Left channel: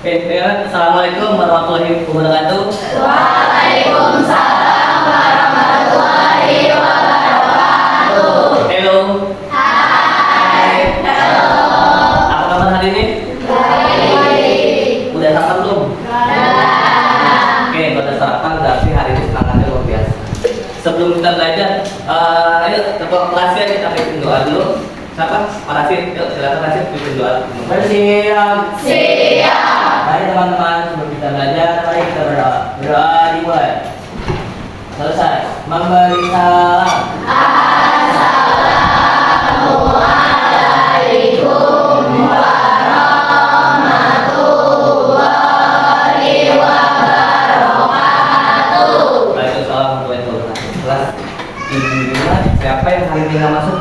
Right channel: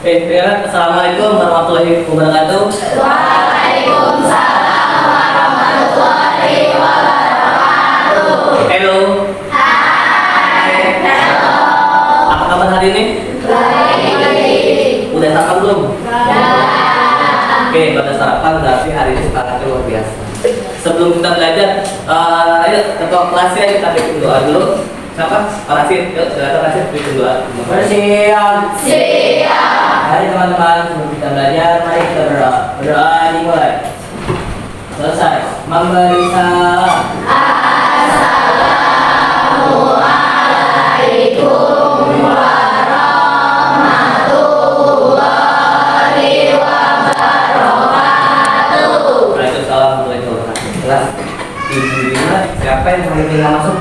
Ya, Assalamualaikum warahmatullahi wabarakatuh. Waalaikumsalam warahmatullahi wabarakatuh. Hello. Hai. Halo. Apa kabar hari ini? Baik. Udah sarapan belum? Baik. Oke, pada sarapan berarti hari ini semangatnya luar biasa. Sebelum kita belajar, ayo ketua kelasnya kita bikin doa dulu. Siapa? Pak Rasid. Yuk, silakan Rasid bikin doa. Bersiap. Siap. Mari teman-teman, sebelum kita belajar, mari kita berdoa. Berdoa dimulai. Selesai. Memberi salam. Assalamualaikum warahmatullahi wabarakatuh. Waalaikumsalam warahmatullahi wabarakatuh. Kelas di lima, siapa yang hari ini nggak masuk?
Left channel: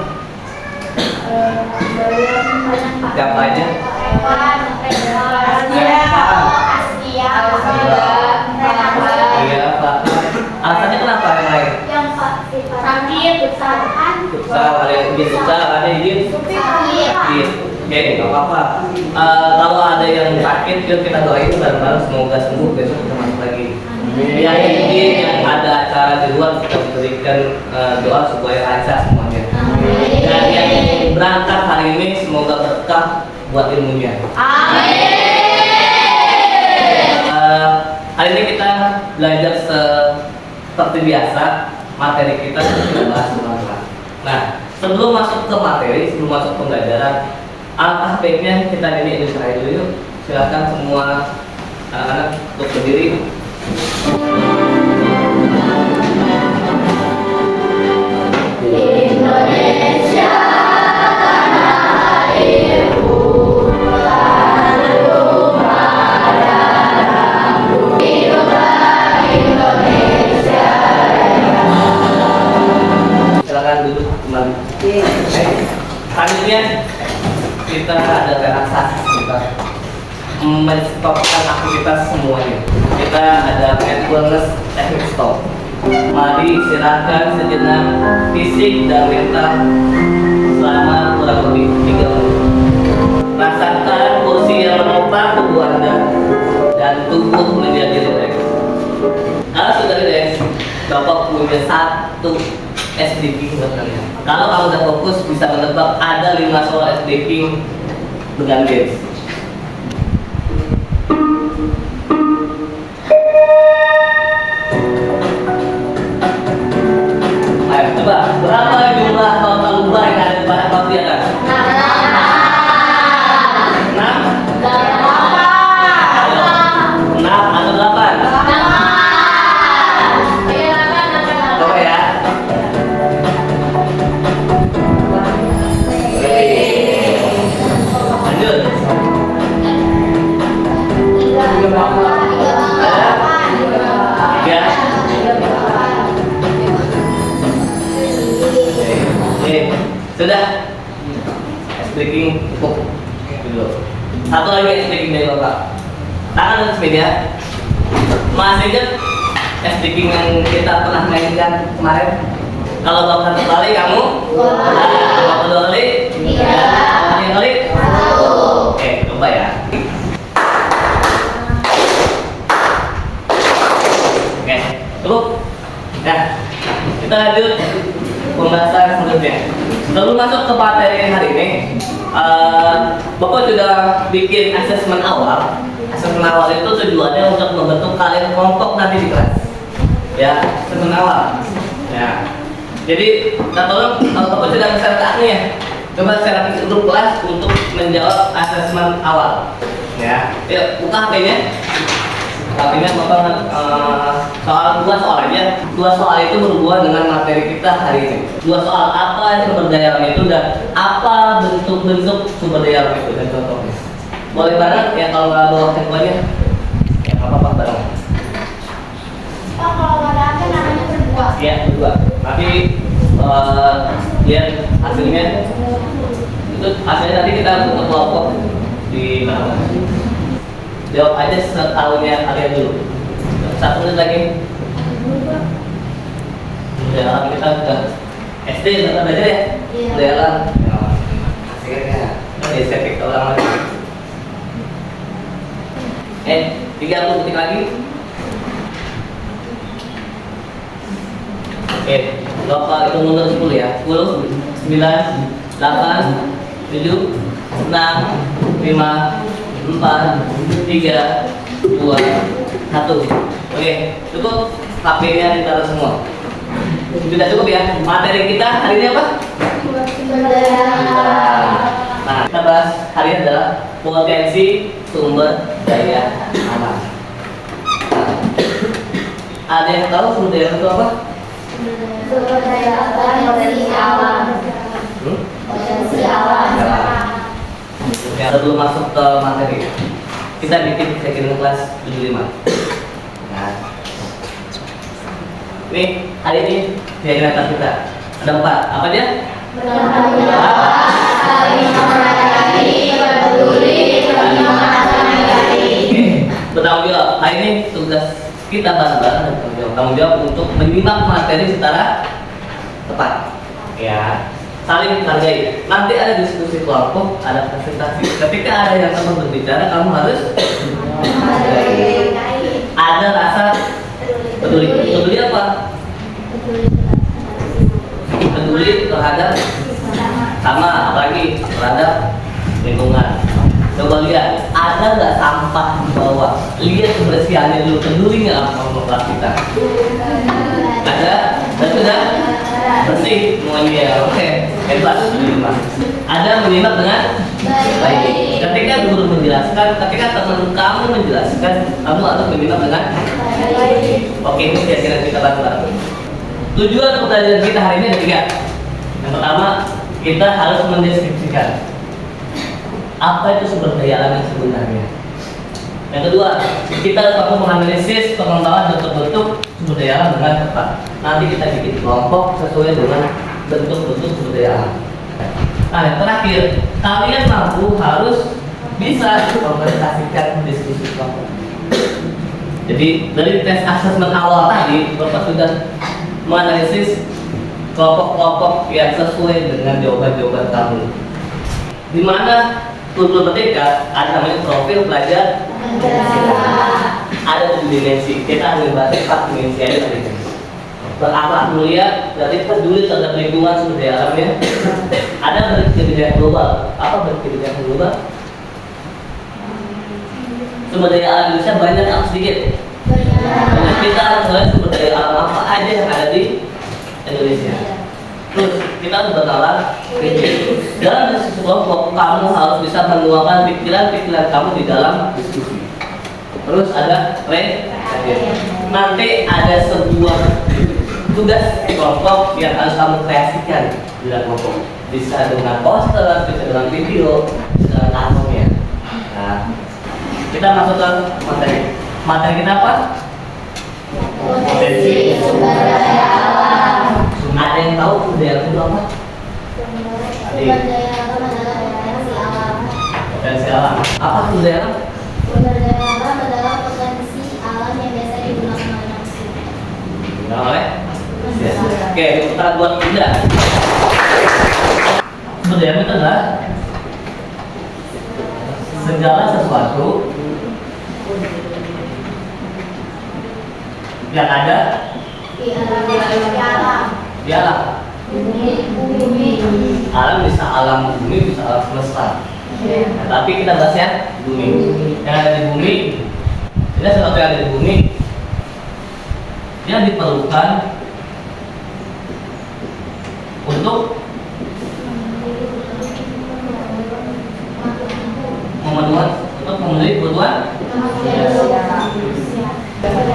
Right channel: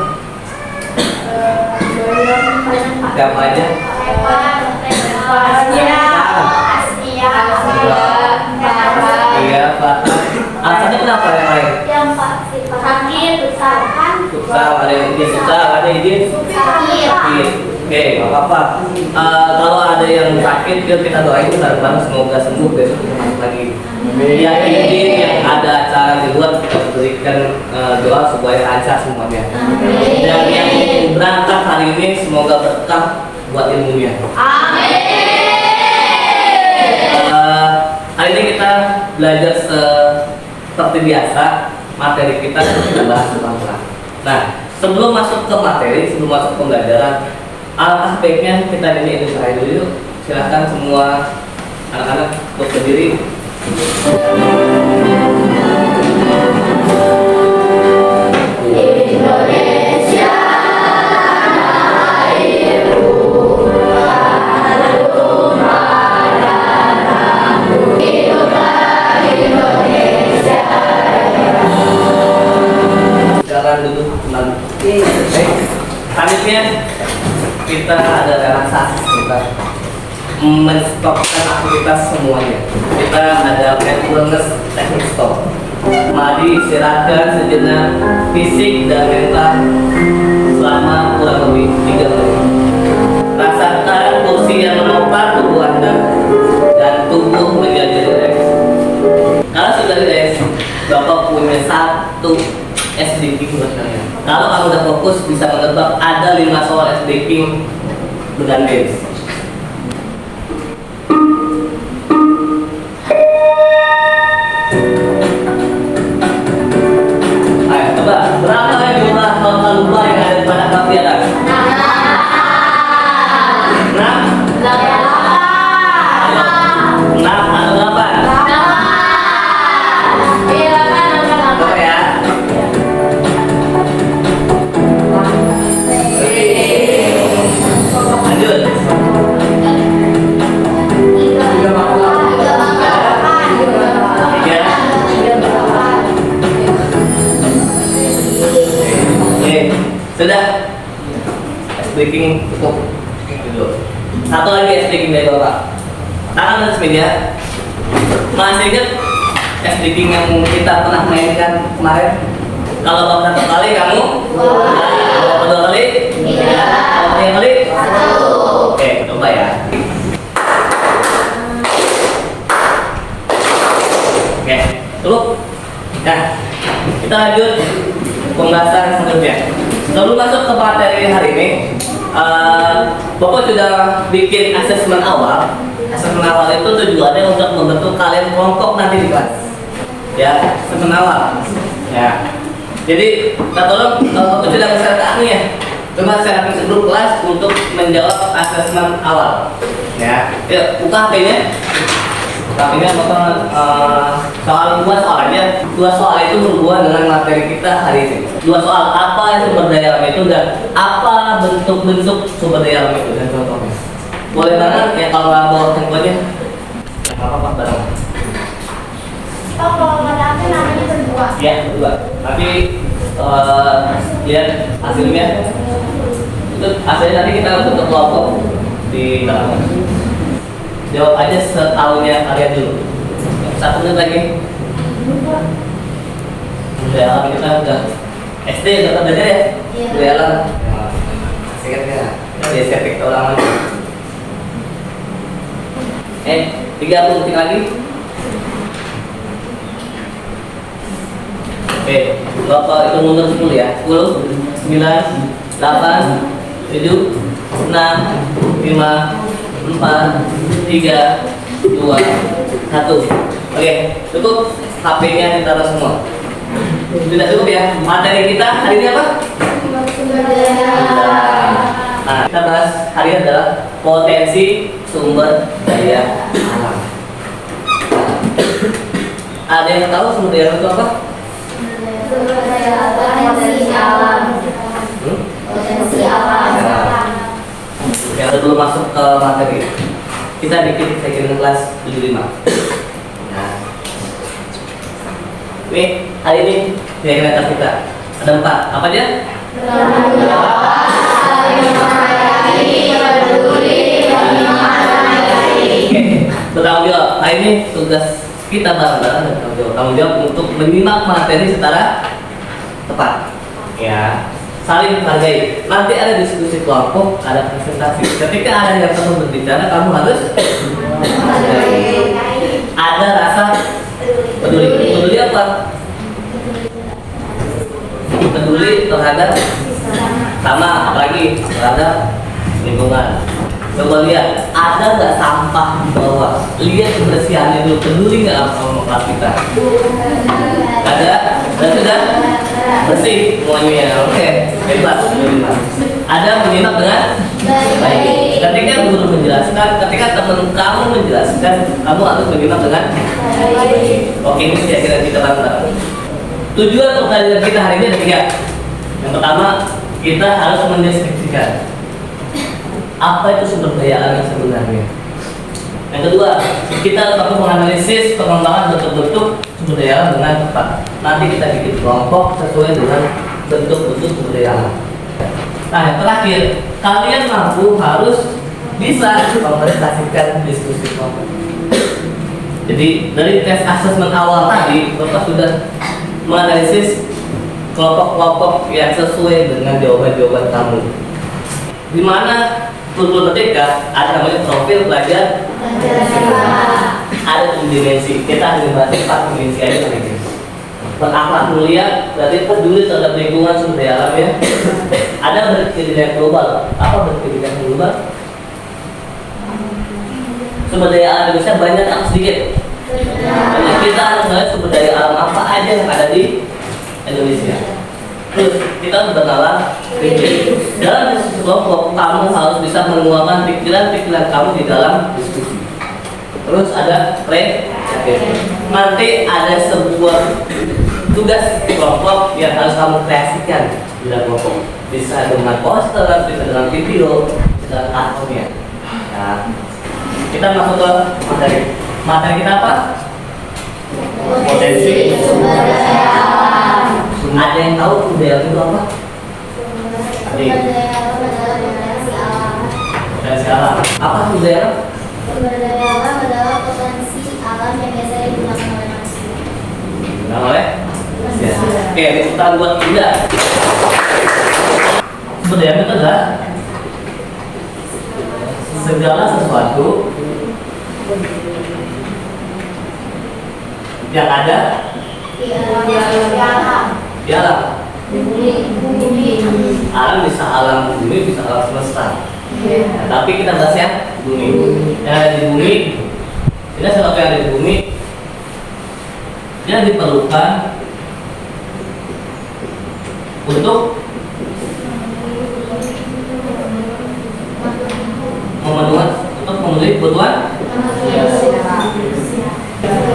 Siapa aja? Iya, Pak. Alasannya kenapa yang lain? Futsal, ada yang izin futsal, ada yang izin sakit. Oke, nggak apa-apa. Kalau ada yang sakit, yuk kita doain bareng-bareng semoga sembuh besok kita masuk lagi. Yang izin, yang ada acara di luar kita berikan doa supaya lancar semuanya. Dan yang berangkat hari ini semoga berkah buat ilmunya. Hari ini kita belajar seperti biasa, materi kita bahas bangsa. Nah, sebelum masuk ke materi, sebelum masuk pembelajaran, alangkah baiknya kita ini ilmuwan dulu yuk. Silakan semua anak-anak untuk berdiri. Indonesia tanah airku, tanahku marahku, hiduplah Indonesia. Silakan duduk kembali. Selanjutnya kita ada relaksasi sebentar, menstopkan aktivitas semuanya. Kita ada mindfulness teknik stop. Mari istirahatkan sejenak fisik dan mental selama kurang lebih 3 menit. Rasakan kursi yang menopang tubuh Anda dan tubuh menjadi rileks. Kalau sudah rileks, Bapak punya satu SDK buat kalian. Kalau kamu udah fokus, bisa menebak ada 5 soal SDK dengan dance. Ayo, tebak berapa jumlah total lupa yang ada pada kamu di atas? 6? Ayo, 6 atau 8? Coba ya. Lanjut. Tiga. Oke, sudah. Breaking cukup. Duduk. Satu lagi breaking dari Bapak. Tangan atas meja. Masih ingat breaking yang kita pernah mainkan kemarin? Kalau Bapak satu kali, kamu? Kalau kedua kali? Kalau tiga kali? Oke, coba ya. Oke, cukup. Nah, kita lanjut pembahasan selanjutnya. Sebelum masuk ke materi hari ini, Bapak sudah bikin asesmen awal. Asesmen awal itu tujuannya untuk membentuk kalian kelompok nanti di kelas. Ya, asesmen awal. Ya. Jadi, kita tolong Bapak sudah share ke aku ya. Coba share ke grup kelas untuk menjawab asesmen awal. Ya, yuk buka HP-nya. HP-nya Bapak soal 2 soal aja. 2 soal itu berhubungan dengan materi kita hari ini. 2 soal, apa sumber daya alam itu dan apa bentuk-bentuk sumber daya alam itu dan contohnya. Boleh banget ya kalau nggak bawa handphonenya. Nggak apa-apa bareng. Ya, berdua. Tapi lihat hasilnya. Itu hasilnya nanti kita bentuk kelompok di belakang. Jawab aja setahunnya kalian dulu. 1 menit lagi. Udah, kami kita udah SD tetap belajar ya? Iya. Udah alam. Asik kan ya? Dari sepik ulang lagi. 3 aku ketik lagi. Oke, Bapak itu mundur 10 ya. 10, 9, 8, 7, 6, 5, 4, 3, 2, 1. Oke, cukup. HP-nya ditaruh semua. Sudah cukup ya. Materi kita hari ini apa? Sumber daya alam. Nah, kita bahas hari ini adalah potensi sumber daya alam. Ada yang tahu sumber daya alam itu apa? Sumber daya alam. Potensi alam. Potensi alam. Ya, sebelum masuk ke materi, kita bikin second kelas 75. Nah, ini hari ini kegiatan kita ada 4. Apa aja? Bertanggung jawab, saling menghayati, peduli, dan menghargai. Oke, bertanggung jawab. Hari ini tugas kita bareng-bareng dan tanggung jawab untuk menyimak materi secara tepat. Ya, saling menghargai. Nanti ada diskusi kelompok, ada presentasi. Ketika ada yang teman berbicara, kamu harus ada rasa peduli. Peduli apa? Peduli terhadap sama, apalagi terhadap lingkungan. Coba lihat, ada nggak sampah di bawah? Lihat kebersihannya dulu. Peduli nggak sama kelas kita? Ada, dan sudah bersih semuanya. Oke, hebat. Ada menyimak dengan baik. Ketika guru menjelaskan, ketika teman kamu menjelaskan, kamu harus menyimak dengan baik. Oke, ini kira-kira kita bareng-bareng. Tujuan pertanyaan kita hari ini ada 3. Yang pertama, kita harus mendeskripsikan apa itu sumber daya alam yang sebenarnya. Yang kedua, kita harus menganalisis pengembangan bentuk-bentuk sumber daya alam dengan tepat. Nanti kita bikin kelompok sesuai dengan bentuk-bentuk sumber daya alam. Nah, yang terakhir, kalian mampu harus bisa mempresentasikan diskusi kelompok. Jadi dari tes asesmen awal tadi, Bapak sudah menganalisis kelompok-kelompok yang sesuai dengan jawaban-jawaban kamu. Di mana turun ketika ada namanya profil pelajar, ada 7 dimensi. Kita akan bahas 4 dimensi aja saja. Berakhlak mulia, berarti peduli terhadap lingkungan sumber daya alamnya. Ada berkeadilan global. Apa berkeadilan global? Sumber daya alam Indonesia banyak atau sedikit? Banyak. Kita harus melihat sumber daya alam apa aja yang ada di Indonesia. Terus kita harus bernalar kritis. Dalam diskusi kelompok, kamu harus bisa menuangkan pikiran-pikiran kamu di dalam diskusi. Terus ada nanti ada sebuah tugas kelompok yang harus kamu kreasikan di dalam kelompok. Bisa dengan poster, bisa dengan video, bisa dengan kartonnya. Nah, kita masuk ke materi. Materi kita apa? Potensi sumber daya alam. Ada yang tahu sumber daya alam itu apa? Sumber daya alam adalah potensi alam. Potensi alam. Apa sumber daya alam? Sumber daya alam adalah potensi alam yang biasa digunakan oleh manusia. Digunakan oleh? Ya. Oke, putaran buat Bunda. Sumber daya alam itu adalah segala sesuatu yang ada Di alam. di alam. Bumi. Alam bisa alam bumi, bisa alam semesta. Nah, tapi kita bahasnya bumi. Yang ada di bumi, tidak sesuatu yang ada di bumi, dia diperlukan untuk memenuhi kebutuhan.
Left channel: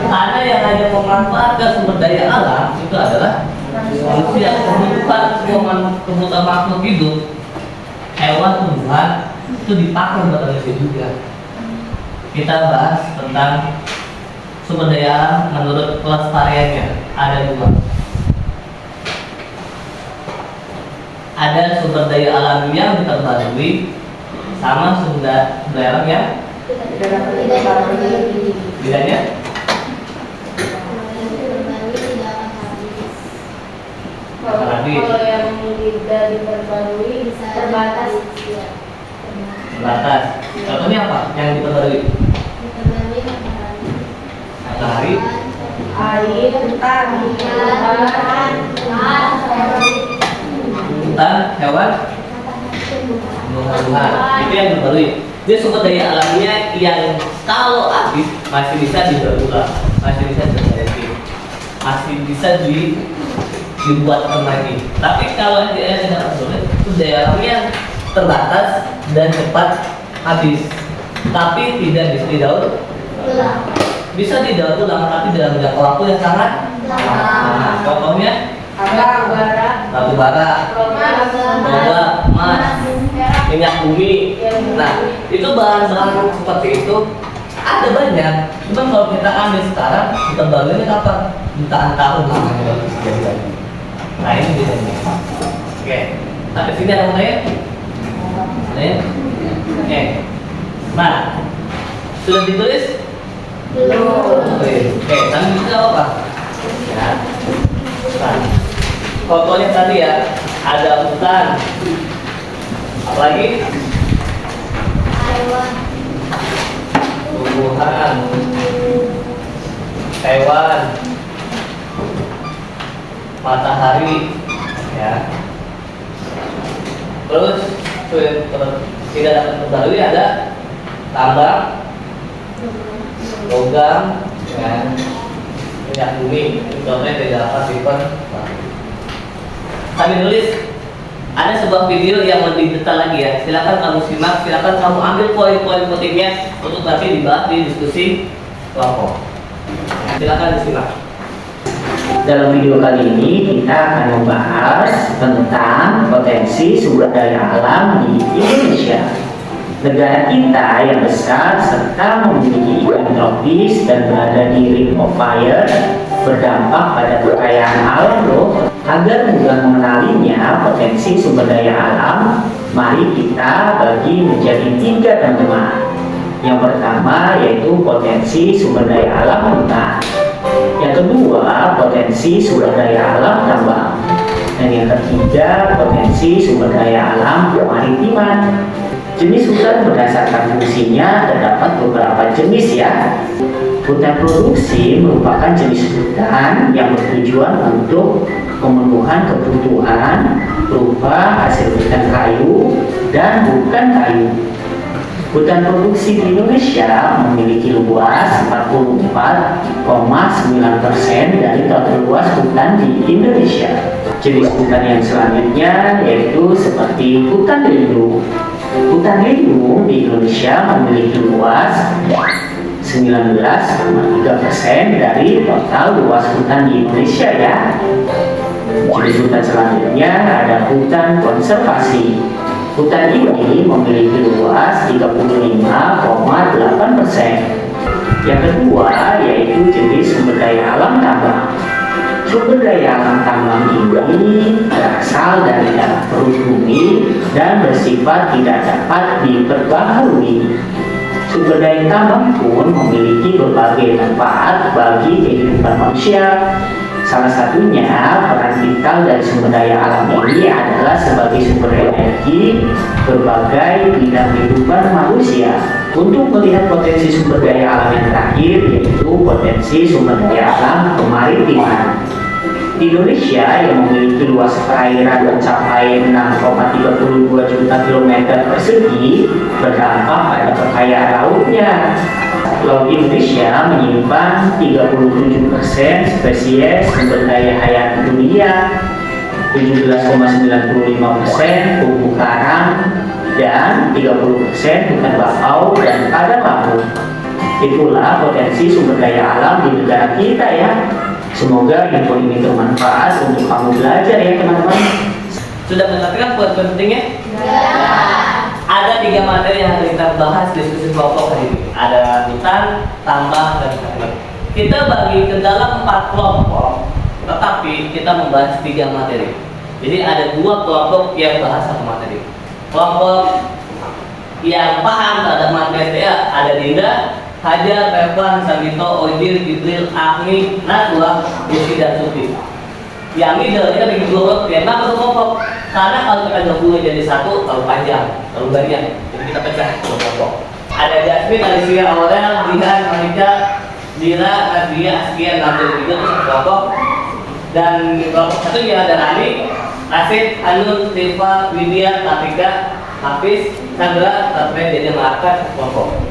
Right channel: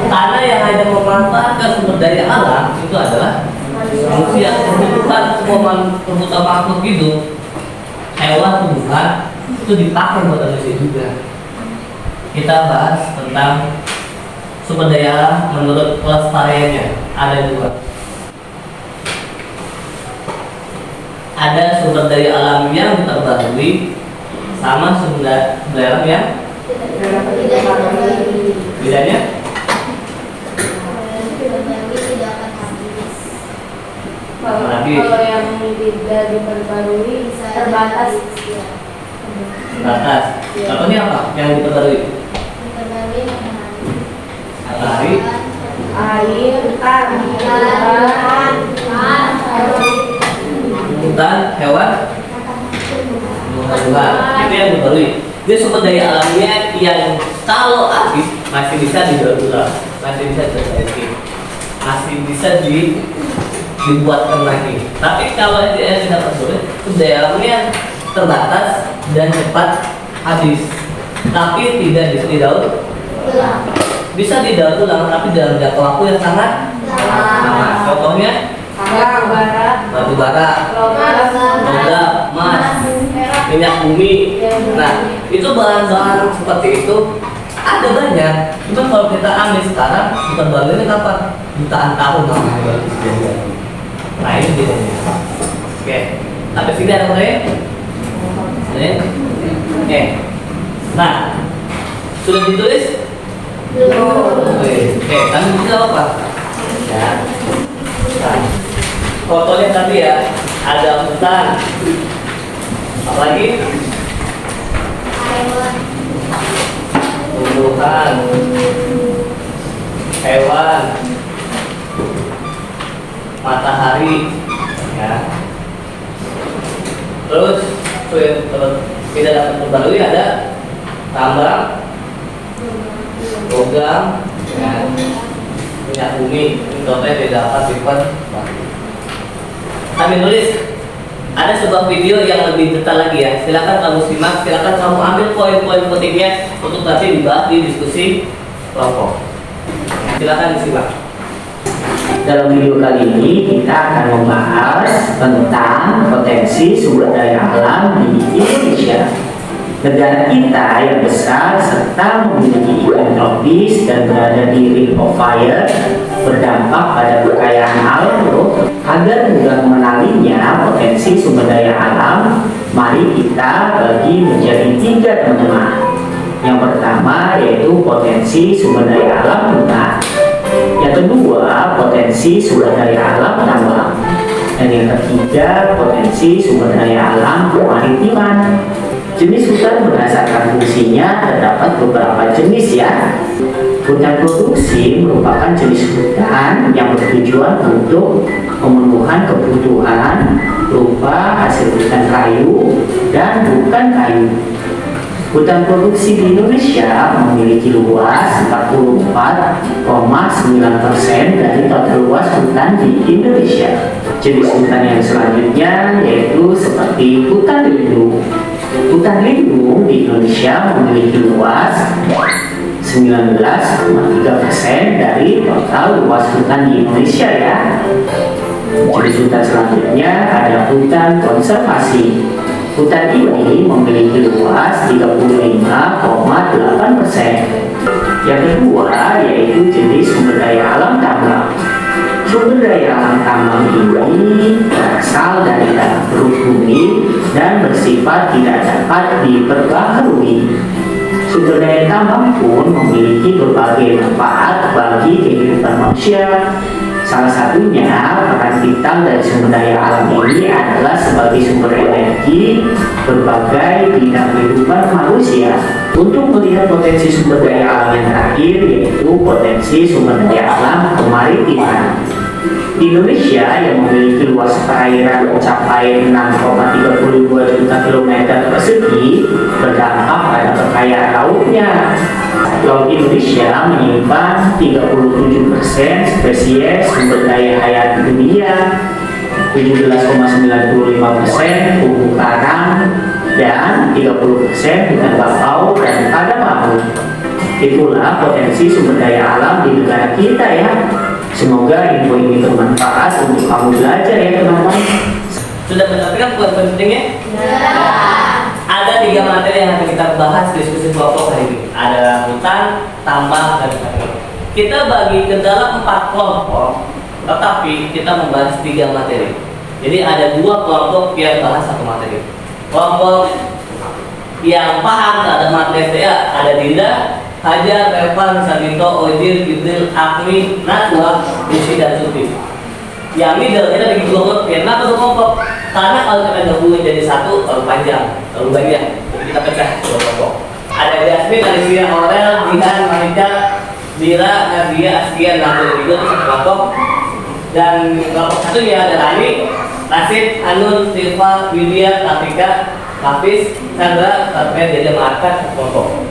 Karena yang hanya memanfaatkan sumber daya alam itu adalah manusia. Kebutuhan semua kebutuhan makhluk hidup, hewan, tumbuhan itu dipakai buat manusia juga. Kita bahas tentang sumber daya alam menurut pelestariannya ada 2. Ada sumber daya alam yang terbarukan sama sumber daya alam yang bedanya. Kalau yang tidak diperbarui terbatas. Terbatas. Contohnya apa yang diperbarui? Dia sumber daya alamnya yang kalau habis masih bisa didaur ulang, masih bisa diperbaiki, masih bisa dibuatkan lagi. Tapi kalau dia tidak tersulit, daya alamnya terbatas dan cepat habis. Tapi tidak bisa didaur Ulang. bisa didaur ulang, tapi dalam jangka waktu yang sangat lama. Contohnya batu bara, logam, emas, minyak bumi. Nah, itu bahan-bahan seperti itu ada banyak. Cuma kalau kita ambil sekarang, kita barunya kapan? Jutaan tahun lamanya. Nah, ini bedanya. Oke, sampai sini ada mulai? Oke. Nah, sudah ditulis? Oke, kami bisa apa? Ya. Nah, fotonya tadi ya, ada hutan. Apalagi? Hewan. Tumbuhan, hewan, matahari, ya. Terus tidak dapat terbarui ada tambang, logam, ya, minyak bumi. Contohnya tidak dapat diperbarui. Kami nulis ada sebuah video yang lebih detail lagi ya. Silakan kamu simak, silakan kamu ambil poin-poin pentingnya untuk nanti dibahas di diskusi kelompok. Silakan disimak. Dalam video kali ini kita akan membahas tentang potensi sumber daya alam di Indonesia. Negara kita yang besar serta memiliki iklim tropis dan berada di Ring of Fire berdampak pada kekayaan alam loh. Agar mudah mengenalinya potensi sumber daya alam, mari kita bagi menjadi 3 teman-teman. Yang pertama yaitu potensi sumber daya alam hutan. Yang kedua, potensi sumber daya alam tambang. Dan yang ketiga, potensi sumber daya alam kemaritiman. Jenis hutan berdasarkan fungsinya terdapat beberapa jenis ya. Hutan produksi merupakan jenis hutan yang bertujuan untuk pemenuhan kebutuhan berupa hasil hutan kayu dan bukan kayu. Hutan produksi di Indonesia memiliki luas 44,9% dari total luas hutan di Indonesia. Jenis hutan yang selanjutnya yaitu seperti hutan lindung. Hutan lindung di Indonesia memiliki luas 19,3% dari total luas hutan di Indonesia ya. Jenis hutan selanjutnya ada hutan konservasi. Hutan ini memiliki luas 35,8%. Yang kedua yaitu jenis sumber daya alam tambang. Sumber daya alam tambang ini berasal dari dalam perut bumi dan bersifat tidak dapat diperbaharui. Sumber daya tambang pun memiliki berbagai manfaat bagi kehidupan manusia. Salah satunya peran vital dari sumber daya alam ini adalah sebagai sumber energi berbagai bidang kehidupan manusia. Untuk melihat potensi sumber daya alam yang terakhir yaitu potensi sumber daya alam kemaritiman. Di Indonesia yang memiliki luas perairan mencapai 6,32 juta kilometer persegi berdampak pada kekayaan lautnya. Laut Indonesia menyimpan 37% spesies sumber daya hayati dunia, 17,95% terumbu karang, dan 30% hutan bakau dan padang laut. Itulah potensi sumber daya alam di negara kita ya. Semoga info ini bermanfaat untuk kamu belajar ya teman-teman. Sudah mengerti poin pentingnya? Ada 3 materi yang akan kita bahas di diskusi kelompok hari ini. Ada hutan, tambang, dan kayu. Kita bagi ke dalam 4 kelompok, tetapi kita membahas 3 materi. Jadi ada 2 kelompok yang bahas 1 materi. Kelompok yang paham terhadap materi ada Dinda, Hajar, Evan, Sandito, Ojir, Gibril, Agni, Najwa, Desi, dan Suti. Yang middle kita bikin kelompok, kenapa tuh kelompok? Karena kalau kita gabungin jadi 1 terlalu panjang, terlalu banyak. Jadi kita pecah kelompok. Ada Jasmine, Alicia, Aurel, Dihan, Manika, Dira, Nadia, Askia, Nabil, itu 1 kelompok. Dan kelompok 1 ya ada Rani, Nasib, Anun, Silva, Widya, Tafika, Hafiz, Sandra, sampai jadi markas kelompok.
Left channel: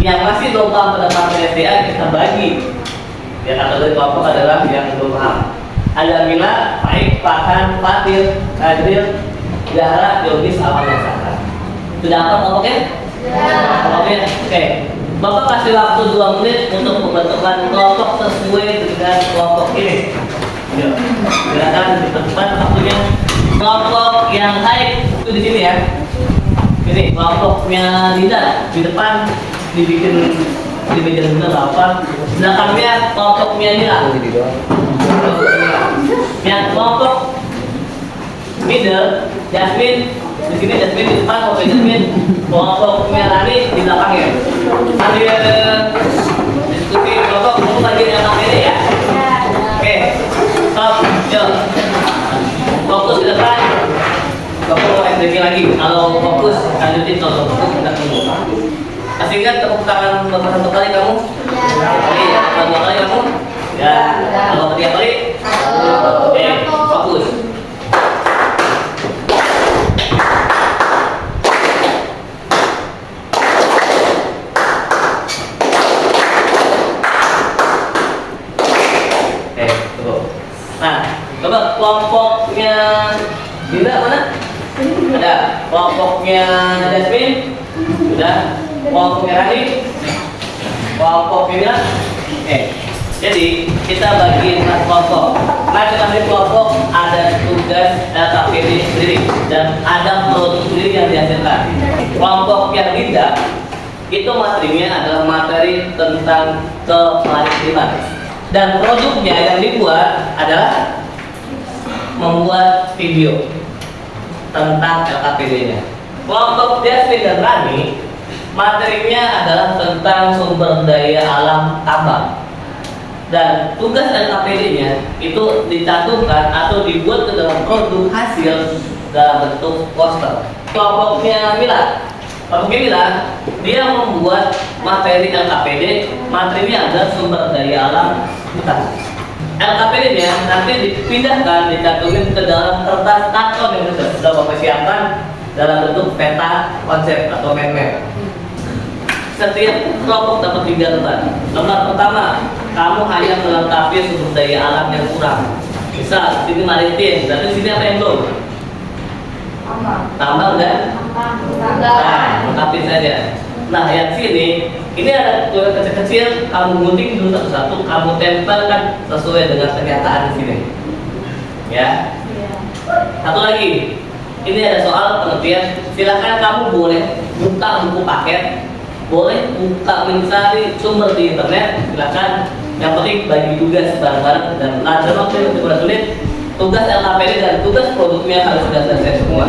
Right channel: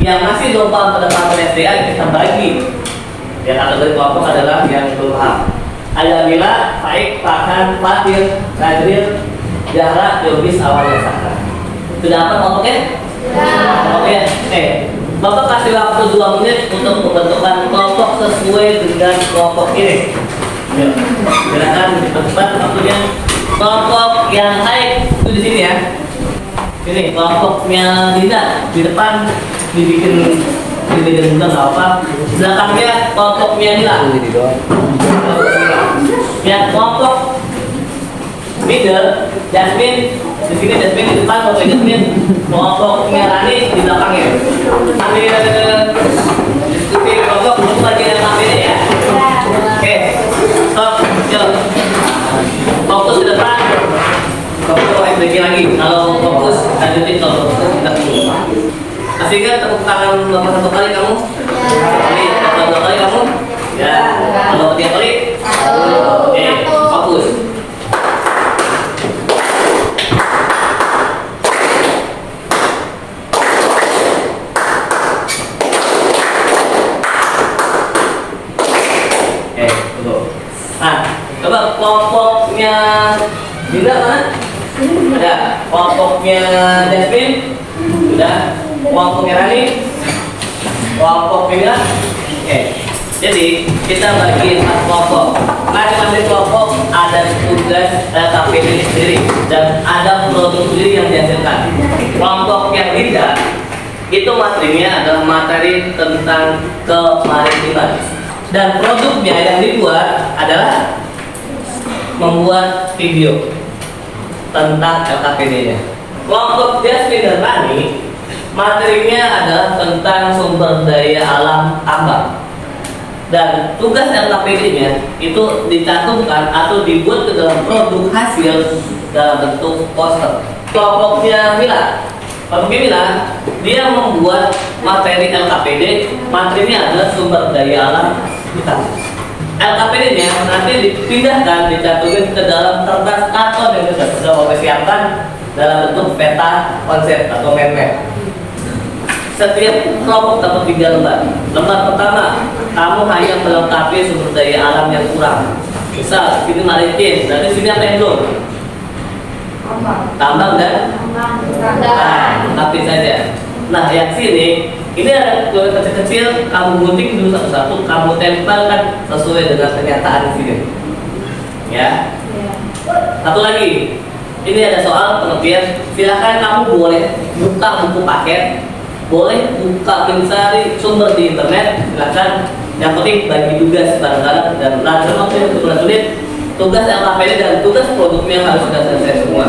Yang masih belum paham pada materi SDA kita bagi. Yang kategori kelompok adalah yang belum paham. Ada Mila, Faik, Farhan, Fatir, Kadril, Zahra, Yobis, Awal, dan Sakra. Sudah apa kelompoknya? Oke. Bapak kasih waktu 2 menit untuk membentukkan kelompok sesuai dengan kelompok ini. Yuk, silakan cepat-cepat waktunya. Kelompok yang baik itu di sini ya. Ini kelompoknya Dinda di depan dibikin juga nggak apa. Belakangnya kelompoknya Mila. Yang kelompok middle, Jasmine di sini, Jasmine di depan, kelompok Jasmine. Kelompoknya Rani di belakangnya. Nanti diskusi kelompok itu lagi yang ini ya. Oke, stop, yuk. Fokus ke depan. Fokus mau SBG lagi. Kalau fokus lanjutin, kalau fokus kita tunggu. Masih ingat tepuk tangan Bapak 1 kali kamu? 1 kali atau 2 kali kamu? Ya. Kalau 3 kali? Oke, fokus. Nah, coba kelompoknya Dinda mana? Ada. Kelompoknya Jasmine? Sudah. Kelompoknya Rani? Kelompoknya Mila? Oke. Jadi kita bagi 4 kelompok. Masing-masing kelompok ada tugas, ada KPD sendiri, dan ada produk sendiri yang dihasilkan. Kelompok yang Dinda itu materinya adalah materi tentang kemaritiman. Dan produknya yang dibuat adalah membuat video tentang LKPD-nya. Kelompok Jasmine dan Rani materinya adalah tentang sumber daya alam tambang. Dan tugas LKPD-nya itu dicantumkan atau dibuat ke dalam produk hasil dalam bentuk poster. Kelompoknya Mila, dia membuat materi LKPD, materinya adalah sumber daya alam hutan. LKPD-nya nanti dipindahkan, dicantumin ke dalam kertas karton yang sudah Bapak siapkan dalam bentuk peta konsep atau mind map. Setiap kelompok dapat 3 lembar. Lembar pertama, kamu hanya melengkapi sumber daya alam yang kurang. Misal, sini maritim, berarti sini apa yang belum? Tambang dan? Nah, lengkapin saja. Nah, yang sini, ini ada tulisan kecil-kecil, kamu gunting dulu satu-satu, kamu tempelkan sesuai dengan pernyataan di sini. Ya. Satu lagi, ini ada soal pengertian. Silakan kamu boleh buka buku paket, boleh buka mencari sumber di internet, silakan. Yang penting bagi tugas bareng-bareng dan lanjut waktu untuk lanjutin tugas LKPD dan tugas produknya harus sudah selesai semua.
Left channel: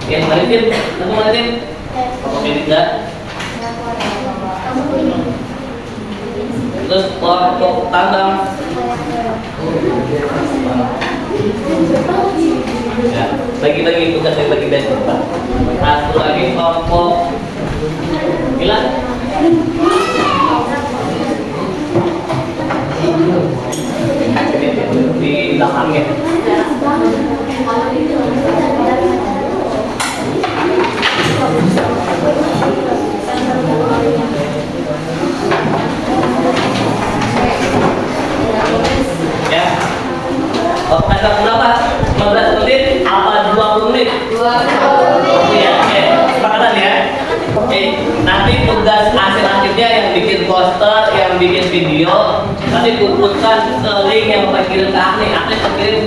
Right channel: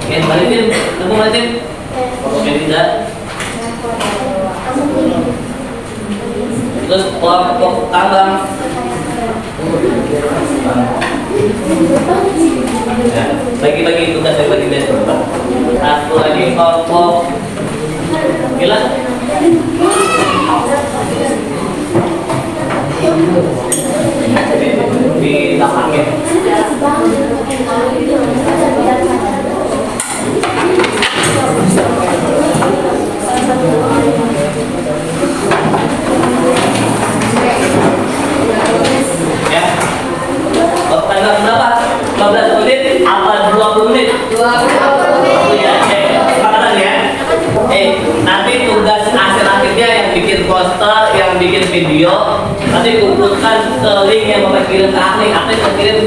Oke, Maritin, tunggu Maritin. Oke, tidak. Terus kelompok tambang. Ya, bagi-bagi tugas yang bagi dari depan. Satu lagi kelompok Mila. Di belakangnya. Ya. Tanggal berapa? 15 menit apa 20 menit? 20 menit. Ya, oke. Sepakatan ya. Nanti tugas akhirnya yang bikin poster, yang bikin video, nanti kumpulkan ke link yang Bapak kirim ke Ahli kirim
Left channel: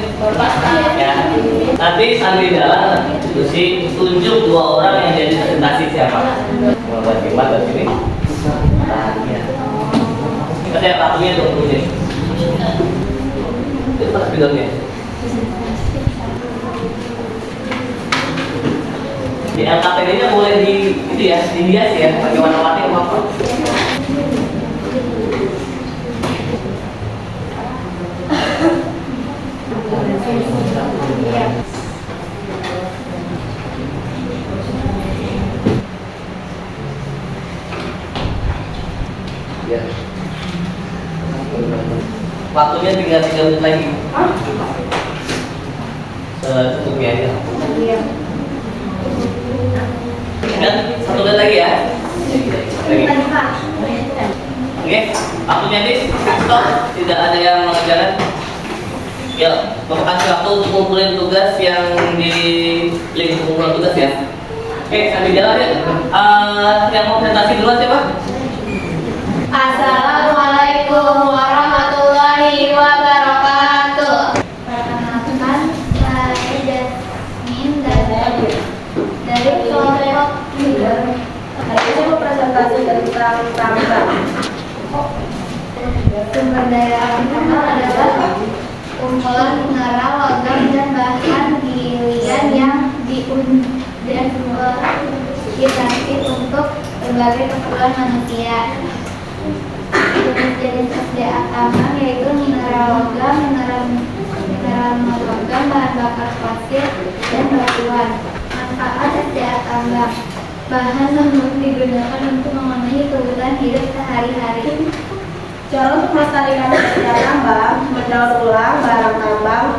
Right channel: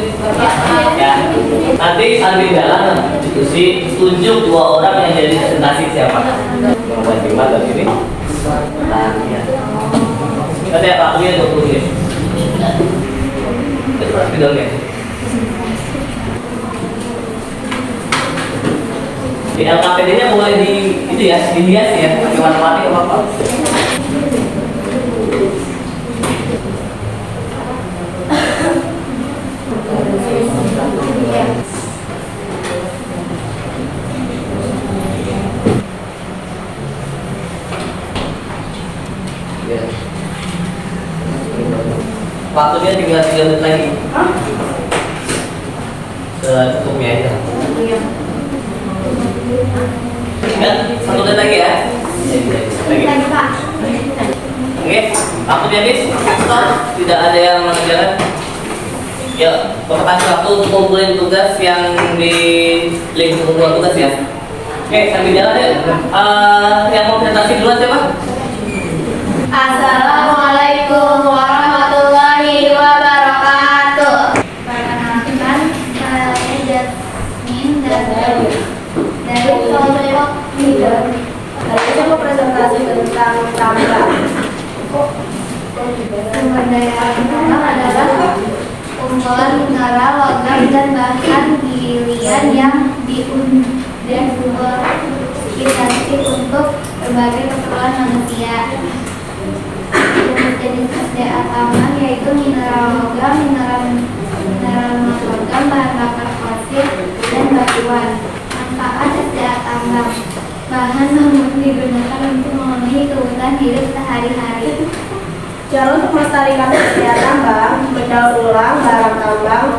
ya. Nanti sambil jalan diskusi, tunjuk 2 orang yang jadi presentasi siapa. Membuat lima dari sini. Nah, ya. Kita lihat waktunya 20 menit. Itu pas videonya. Di LKPD-nya boleh di itu ya, dihias ya, pakai warna-warni apa? Ya. Waktunya tinggal 3 menit lagi. Secukupnya aja. Dan satu menit lagi ya. Lagi. Lagi Pak. Oke, waktunya habis. Stop. Tidak ada yang mengerjakan. Ya, Bapak kasih waktu untuk kumpulin tugas yang di link kumpulan tugas ya. Oke, sambil jalan ya. Yang mau presentasi duluan siapa? Assalamualaikum warahmatullahi wabarakatuh. Perkenalkan, saya Jasmine dari kelompok leader. Hari ini mau presentasi tentang tambang. Sumber daya alam adalah kumpulan mineral, logam, dan bahan gilian yang diidentifikasi untuk berbagai keperluan manusia. Jenis SDA tambang yaitu mineral logam, mineral non-logam, bahan bakar fosil, dan batuan. Manfaat SDA tambang: bahan non digunakan untuk memenuhi kebutuhan hidup sehari-hari. Cara untuk melestarikan SDA tambang, mendaur ulang barang tambang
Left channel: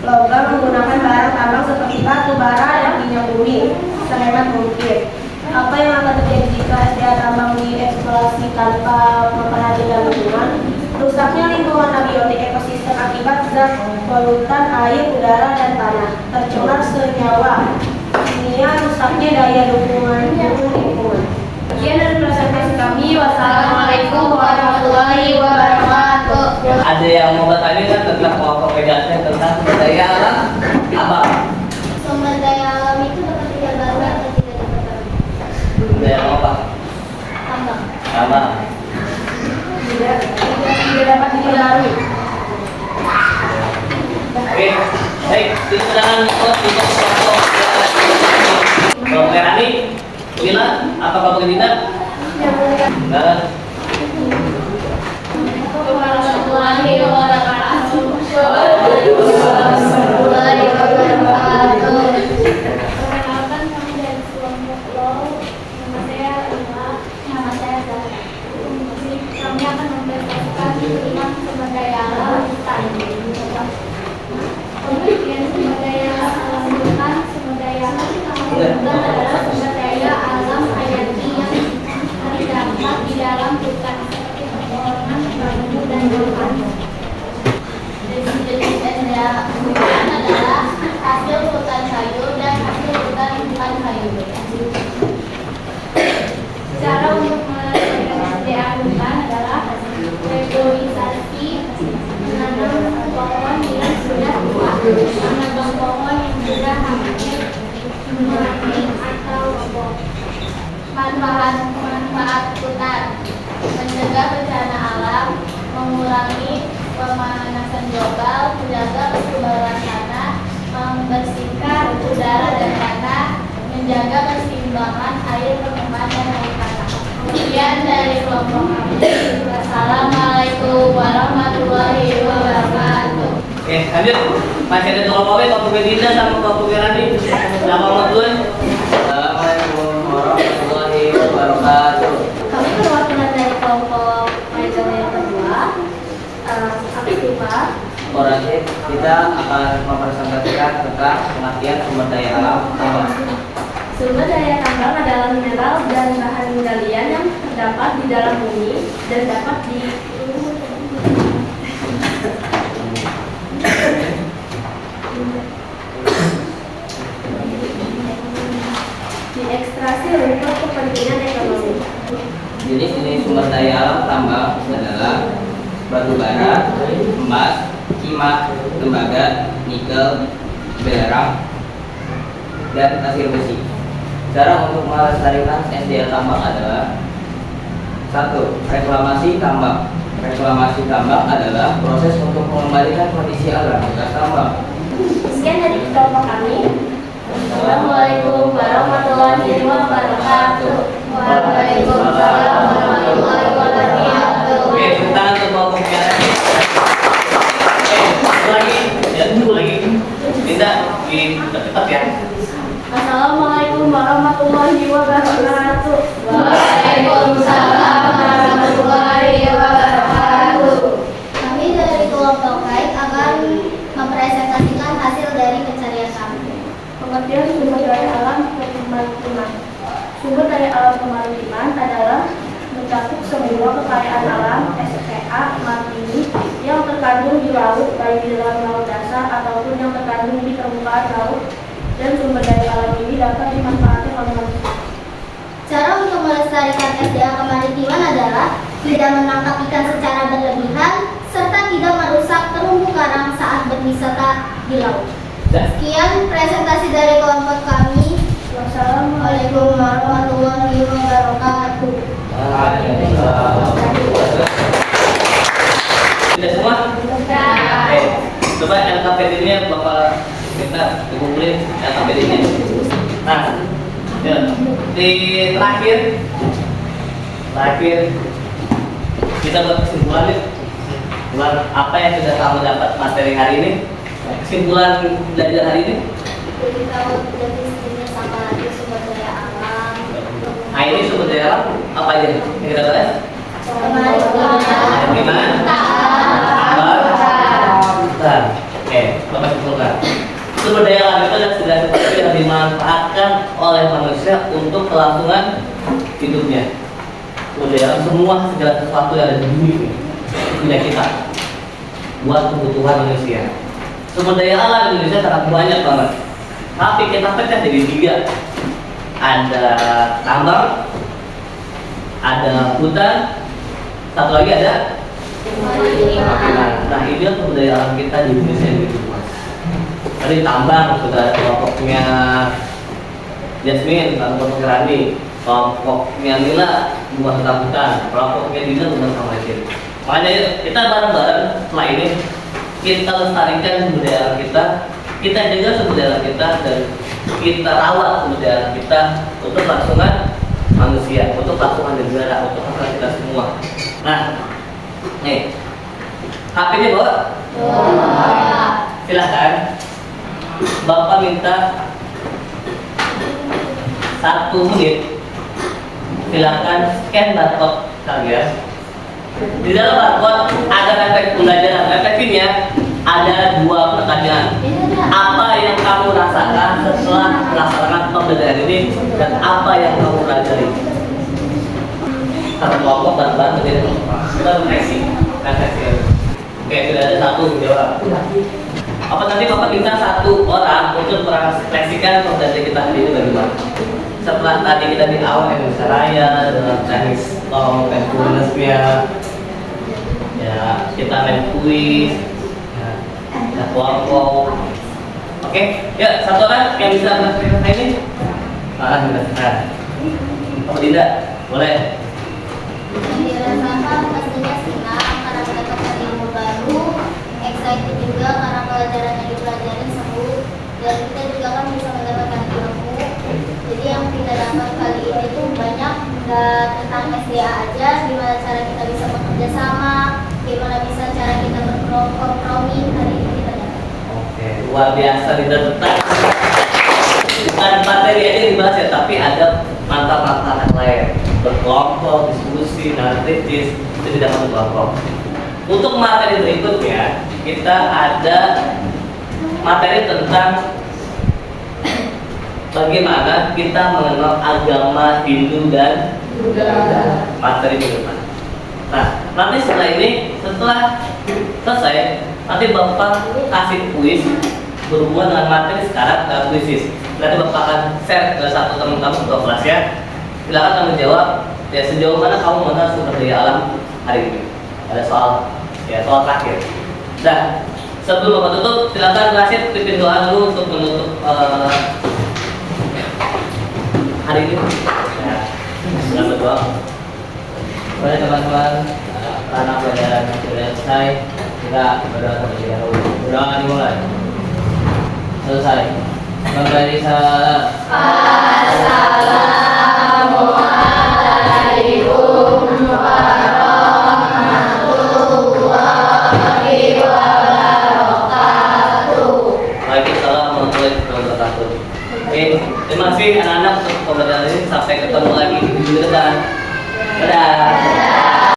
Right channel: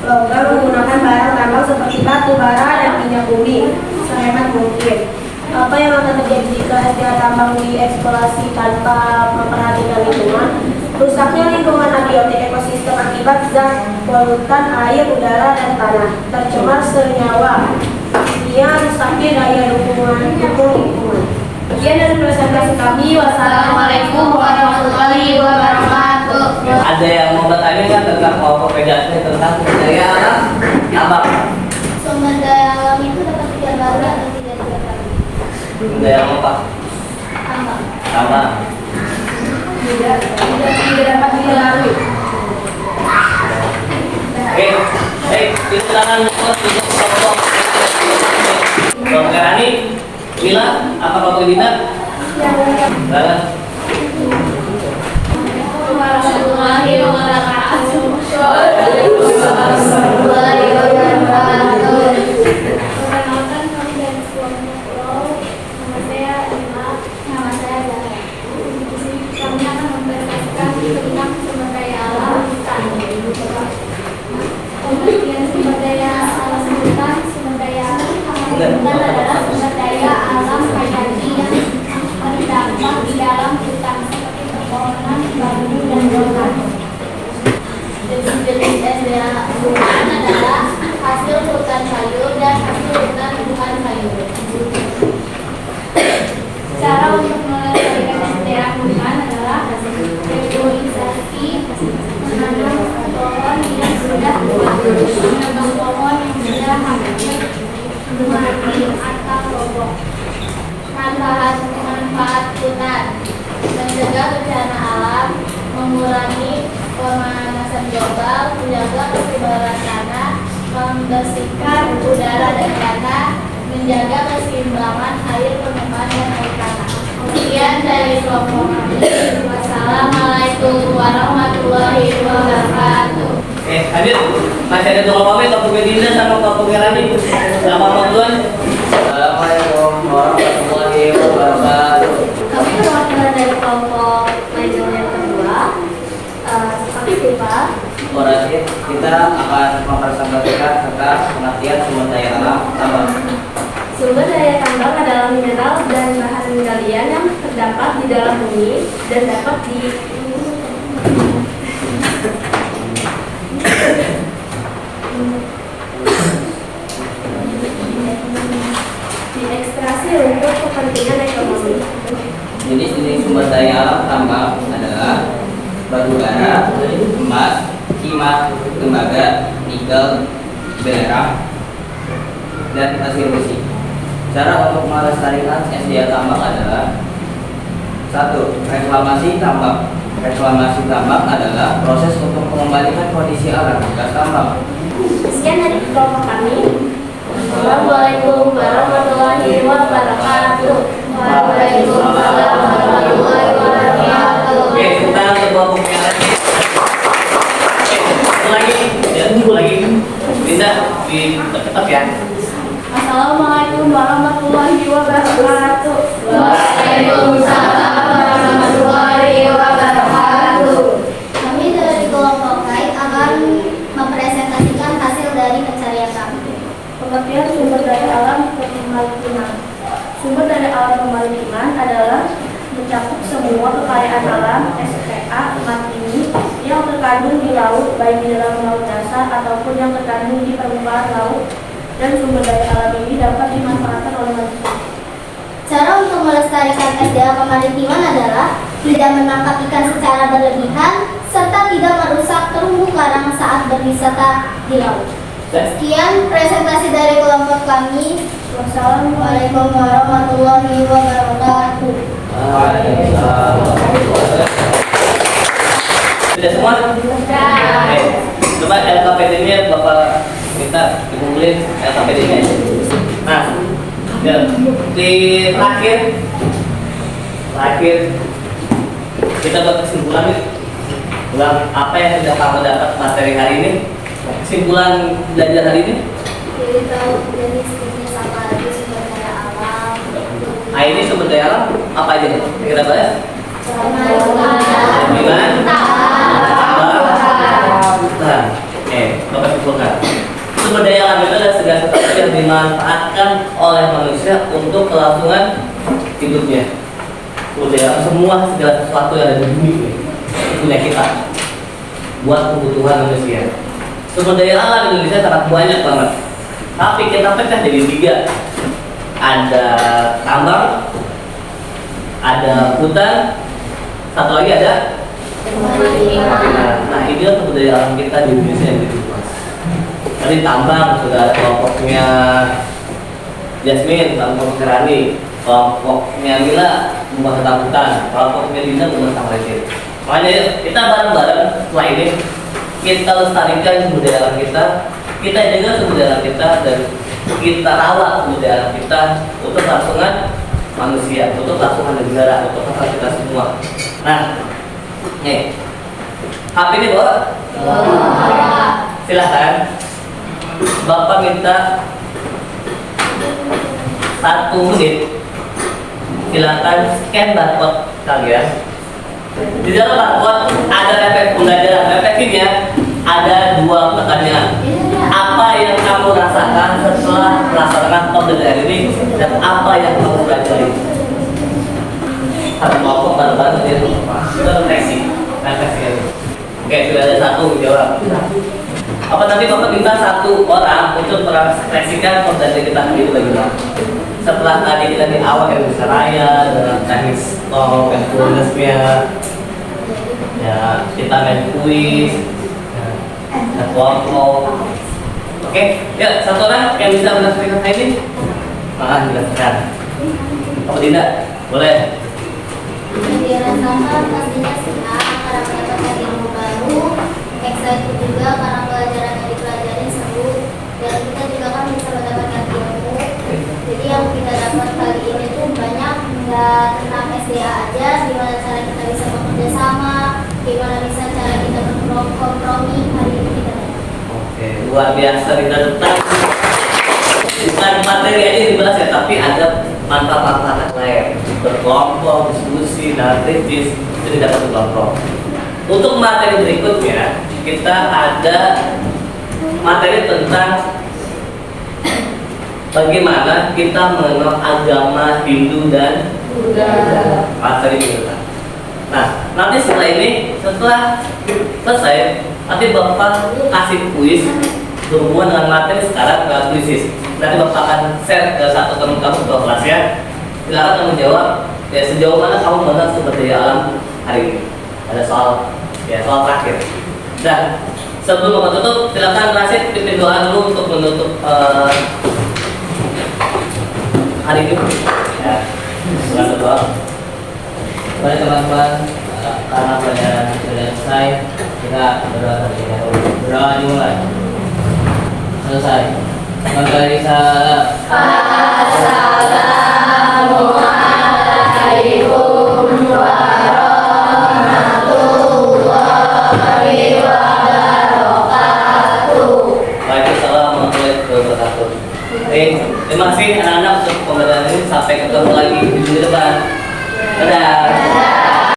logam menggunakan barang tambang seperti batu bara dan minyak bumi sehemat mungkin. Apa yang akan terjadi jika SDA tambang dieksplorasi tanpa memperhatikan lingkungan? Rusaknya lingkungan abiotik ekosistem akibat zat polutan air, udara, dan tanah. Tercemar senyawa kimia, rusaknya daya dukung lingkungan. Sekian dari presentasi kami. Wassalamualaikum warahmatullahi wabarakatuh. Ada yang mau bertanya kan tentang kelompok PDAT tentang daya alam abang? Sumber daya alam itu dapat digambarkan atau tidak digambarkan? Daya apa? Tambang. Abang. Tidak dapat dikenali. Oke, baik. Silakan untuk kelompok. Kelompok Rani, Mila, apa kelompok Dina? Balas. Warahmatullahi wabarakatuh. Warahmatullahi wabarakatuh. Perkenalkan, kami dari kelompok LOW. Nama saya Ima. Nama saya Zahra. Kami akan mempresentasikan tentang sumber daya alam hutan. Pengertian sumber daya alam hutan. Sumber daya alam hutan adalah sumber daya alam hayati yang terdapat di dalam hutan seperti pepohonan, bambu, dan daun. Jenis-jenis SDA hutan adalah hasil hutan sayur dan hasil hutan bukan sayur. Cara untuk melestarikan SDA hutan adalah reboisasi, menanam pohon yang sudah tua, menebang pohon yang sudah hampir mati atau roboh. Manfaat hutan: mencegah bencana alam, mengurangi pemanasan global, menjaga kesuburan tanah, membersihkan udara dan tanah, menjaga keseimbangan air permukaan dan air tanah. Kemudian dari kelompok kami, wassalamualaikum warahmatullahi wabarakatuh. Lanjut. Masih ada dua kelompok, kelompok Dina sama kelompok Rani. Selamat malam. Assalamualaikum warahmatullahi wabarakatuh. Kami perwakilan dari kelompok pelajaran yang kedua. Kami Diva. Orasi kita akan mempresentasikan tentang pengertian sumber daya alam tambang. Sumber daya tambang adalah mineral dan bahan galian yang terdapat di dalam bumi dan dapat diekstraksi untuk kepentingan ekonomi. Jenis-jenis sumber daya alam tambang adalah batu bara, emas, timah, tembaga, nikel, belerang, dan pasir besi. Cara untuk melestarikan SDA tambang adalah: 1. Reklamasi tambang. Reklamasi tambang adalah proses untuk mengembalikan kondisi alam bekas tambang. Sekian dari kelompok kami. Assalamualaikum warahmatullahi wabarakatuh. Waalaikumsalam warahmatullahi wabarakatuh. Oke, kita ke kelompoknya lagi. Oke, lagi, dan lagi. Bisa cepat ya. Assalamualaikum warahmatullahi wabarakatuh. Waalaikumsalam warahmatullahi wabarakatuh. Kami dari kelompok KAI akan mempresentasikan hasil dari pencarian kami. Pengertian sumber daya alam seperti lingkungan. Pelestarian Alam (SPA) Martini yang terkandung di laut, baik di dalam laut dasar ataupun yang terkandung di permukaan laut, dan sumber daya alam ini dapat dimanfaatkan oleh manusia. Cara untuk melestarikan SDA kemaritiman adalah tidak menangkap ikan secara berlebihan serta tidak merusak terumbu karang saat berwisata di laut. Sekian presentasi dari kelompok kami. Wassalamualaikum warahmatullahi wabarakatuh. Sudah semua? Oke. Coba LKPD-nya Bapak minta dikumpulin LKPD-nya. Nah, ya, di terakhir kita buat kesimpulan nih. Kesimpulan apa yang sudah kamu dapat materi hari ini? Kesimpulan belajar hari ini? Jadi tahu jenis apa aja sumber daya alam. Nah, ini sumber daya alam apa aja? Kita bahas? Kemaritiman, tambang, hutan. Oke, Bapak simpulkan. Sumber daya alam itu adalah segala sesuatu yang dimanfaatkan oleh manusia untuk kelangsungan hidupnya. Sumber daya alam semua segala sesuatu yang ada di bumi ini punya kita buat kebutuhan manusia. Sumber daya alam Indonesia sangat banyak banget. Tapi kita pecah jadi 3. Ada tambang, ada hutan, satu lagi ada kemaritiman. Nah, ini sumber daya alam kita di Indonesia yang begitu luas. Tadi tambang sudah ada kelompoknya Jasmine, kelompoknya Rani, kelompoknya Mila membuat tentang hutan, kelompoknya Dina membuat tentang maritim. Makanya kita bareng-bareng setelah ini kita lestarikan sumber daya alam kita jaga sumber daya alam kita, dan kita rawat sumber daya alam kita untuk kelangsungan manusia, untuk kelangsungan negara, untuk kelangsungan kita semua. Nah, nih, HP ini bawa? Silahkan. Bapak minta 1 menit. Silakan scan barcode kalian. Di dalam barcode ada efek pembelajaran. Efeknya ada 2 pertanyaan. Apa yang kamu rasakan setelah melaksanakan pembelajaran ini, dan apa yang kamu pelajari? Satu kelompok bareng-bareng ya. Kita refleksi. Oke, sudah ada 1 jawab. Apa nanti Bapak minta 1 orang untuk merefleksikan pembelajaran kita hari ini bagaimana? Setelah tadi kita di awal Indonesia Raya dengan teknis bonusnya, ya kita main kuis, ya kelompok. Oke, ya 1 orang yang bisa merefleksikan hari ini, malah dilakukan. Kamu tidak boleh. Dirasakan pastinya senang karena mendapatkan ilmu baru, excited juga karena pelajaran yang dipelajari seru, dan kita juga kan bisa mendapatkan ilmu. Jadi yang kita dapat kali ini tuh banyak, nggak tentang SDA aja, gimana cara kita bisa bekerja sama, gimana bisa cara kita berkompromi, hari ini kita dapat. Oke, luar biasa. Kita tetap bukan materi aja dibahas ya, tapi ada manfaat-manfaat lain, berkelompok, diskusi, analisis, itu tidak satu kelompok. Untuk materi berikutnya kita ada materi tentang bagaimana kita mengenal agama Hindu dan Buddha. Materi berikutnya. Nah, nanti setelah ini, setelah selesai, nanti Bapak kasih kuis berhubungan dengan materi sekarang ke kuisis. Nanti Bapak akan share ke satu teman kamu ke kelas ya. Silakan kamu jawab ya, sejauh mana kamu mengenal sumber daya alam hari ini. Ada soal terakhir. Nah, sebelum Bapak tutup, silakan Rasid pimpin doa dulu untuk menutup hari ini. Ya, selamat doa. Kepada teman-teman, karena pelajaran sudah selesai, kita berdoa terlebih dahulu. Berdoa dimulai. Selesai. Bangsa Indonesia.